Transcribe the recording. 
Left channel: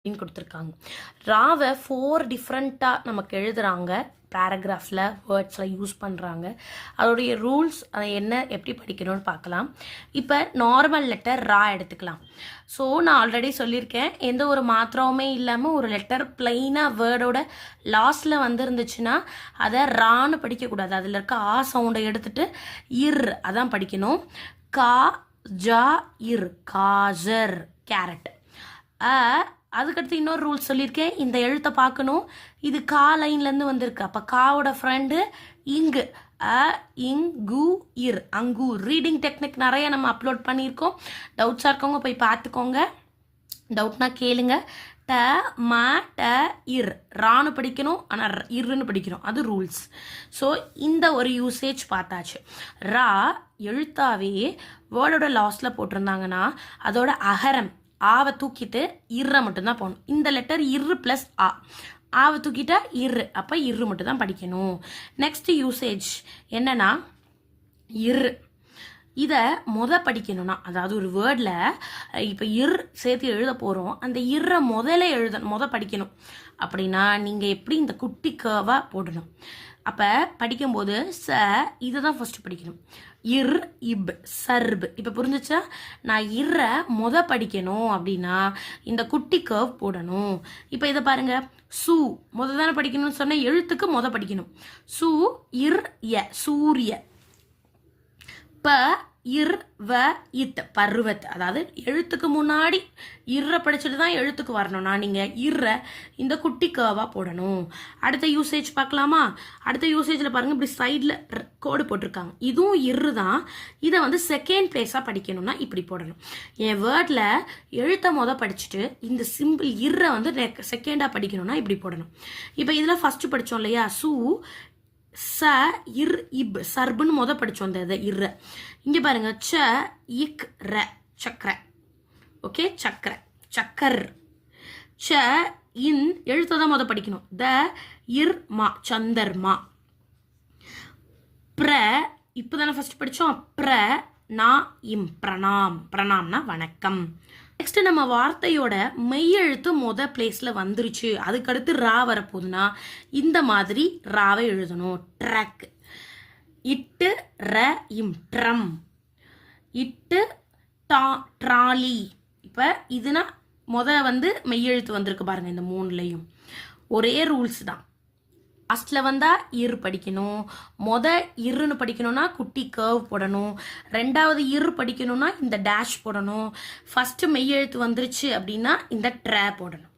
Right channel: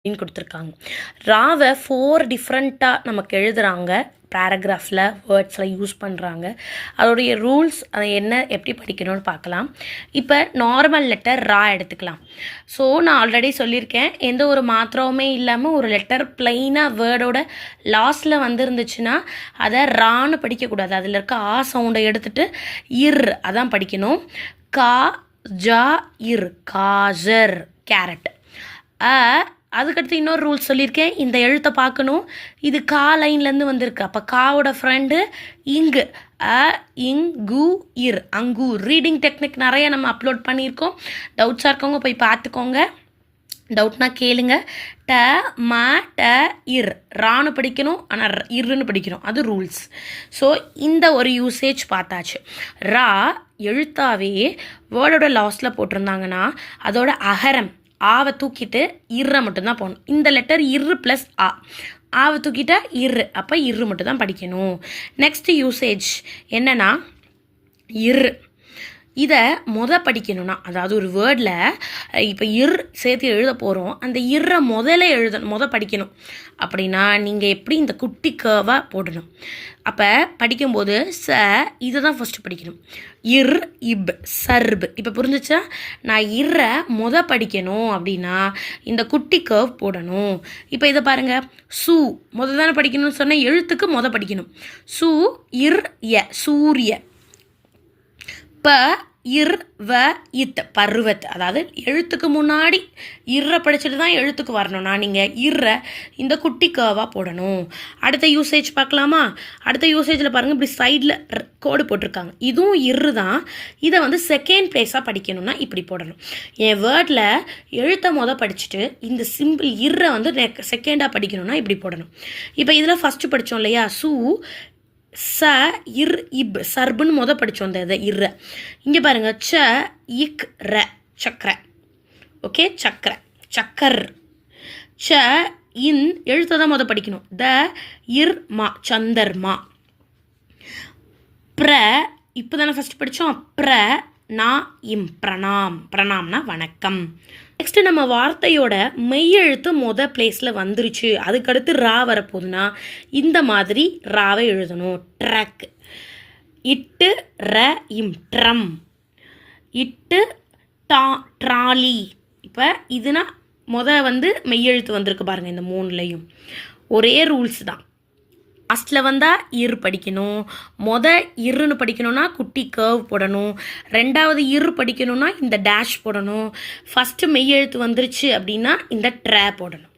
அப்படின்னு கொடுத்துருக்காங்க. ராவை 4 டிஃப்ரெண்ட்டாக நமக்கு எழுதுகிறாங்க. பேராகிராஃபில் வேர்ட்ஸில் யூஸ் பண்ணுறாங்க. அதோடைய ரூல்ஸ் அதை என்ன எப்படி படிக்கணும்னு பார்க்கலாம். இப்போ நார்மல் லெட்டர் ரா எடுத்துக்கலாம். ஸோ நான் ஆல்ரெடி சொல்லியிருக்கேன், எந்த ஒரு மாத்திரவுமே இல்லாமல் ஒரு லெட்டர் பிளெயினாக வேர்டோட லாஸ்ட்டில் வந்துருந்துச்சுன்னா அதை ரான்னு படிக்கக்கூடாது. அதில் இருக்க ஆ சவுண்டை எடுத்துகிட்டு இர் அதான் படிக்கணும். கா ஜா இர் காஜர் கேரட். அதுக்கடுத்து இன்னொரு ரூல்ஸ் சொல்லியிருக்கேன், இந்த எழுத்தை பார்க்கணும். இது கா லைன்லேருந்து வந்திருக்கு. அப்போ காவோட ஃப்ரெண்டு இங்கு இங்கு இர் அங்கூர். ரீடிங் டெக்னிக் நிறைய நம்ம அப்லோட் பண்ணியிருக்கோம். டவுட்ஸாக இருக்கவங்க போய் பார்த்துக்கோங்க. டவுட்னா கேளுங்க. ட ம ட இர் ரான்னு படிக்கணும், ஆனால் இருன்னு படிக்கணும். அது ரூல்ஸ். ஸோ இந்த ஒரு யூசேஜ் பார்த்தாச்சு. ரா எழுத்தாவே வேர்டோட லாஸ்ட்டில் போட்டிருந்தாங்கன்னா அதோட அகரம் ஆவை தூக்கிட்டு இர்ரை மட்டும்தான் போகணும். இந்த லெட்டர் இரு ப்ளஸ் ஆவை தூக்கிட்டா இரு, அப்போ இரு மட்டும்தான் படிக்கணும். நெக்ஸ்ட் யூசேஜ் என்னென்னா இரு. இதை படிக்கணும்னா, அதாவது ஒரு வேர்டில் இப்போ சேர்த்து எழுத போகிறோம். அந்த இர்ரை முதல்ல படிக்கணும். அப்படின்னா நீங்கள் எப்படி இந்த குட்டி கர்வாக போடணும். அப்போ படிக்கும்போது இதை தான் ஃபஸ்ட்டு படிக்கணும். இர் இப் சர்பு. இப்போ புரிஞ்சிச்சா? நான் இர்ரை படிக்கணும் அப்படின்னா இந்த குட்டி கர்வ் போடணும். இப்போ இதை பாருங்கள். சூ தானே படிக்கணும்னு சொன்னால் எழுத்துக்கு படிக்கணும். சூ இர் ய சூரிய. ப இர் வ இத் பருவத். அதாவது எழுத்துக்கு முன்னாடி இர்ரை படிச்சுட்டு தான் எழுத்துக்கு வரணும்னா நீங்கள் இர்ரை இந்த குட்டி கர்வாக போடணும். அடுத்த யூசேஜ் பார்க்கலாமா? அடுத்த யூசேஜில் பாருங்கள், இப்படி சைடில் கோடு போட்டிருக்காங்க. இதுவும் இரு தான். இதை செகண்ட் பிளேஸாக படிக்கணும்னா இப்படி போடணும். என் வேர்டில் எழுத்தை படிச்சுட்டு இந்த சிம்பிள் இர்ரை செகண்டாக படிக்கணும்னா இப்படி போடணும். இப்போ இதில் ஃபஸ்ட்டு படித்தோம் இல்லையா, சூ ச இர் இப் சர்புன்னு படித்தோம் இந்த இர்ரை. இங்கே பாருங்கள், ச இக் ர சக்கரை. ஓகே, சக்கரை சக்கர். ச இன் எழுத்தை தான் படிக்கணும். த இர் மா சந்தர்மா. ப்ர இப்போ தானே ஃபஸ்ட் படித்தோம். ப்ர நா இம் பிரணாம். பிரணாம்னா வணக்கம். நெக்ஸ்ட்டு நம்ம வார்த்தையோட மெய்யெழுத்து பிளேஸில் வந்துருச்சு. அதுக்கடுத்து ரா வரப்போகுதுன்னா இந்த மாதிரி ராவை எழுதணும். ட்ரக். இட்டு ர இம் ட்ரம். இட்டு டா ட்ராலி. இப்போ இதுனா மெய்யெழுத்து வந்திருக்கு பாருங்கள். இந்த 3லையும் ஒரே ரூல்ஸ் தான். லாஸ்ட்டில் வந்தால் இரு படிக்கணும். இருன்னு படிக்கணும்னா குட்டி கர்வ் போடணும். ரெண்டாவது இரு படிக்கணும்னா இந்த டேஷ் போடணும். ஃபஸ்ட்டு மெய்யெழுத்து வந்துருச்சு அப்படின்னா இந்த ட்ரா போடணும்.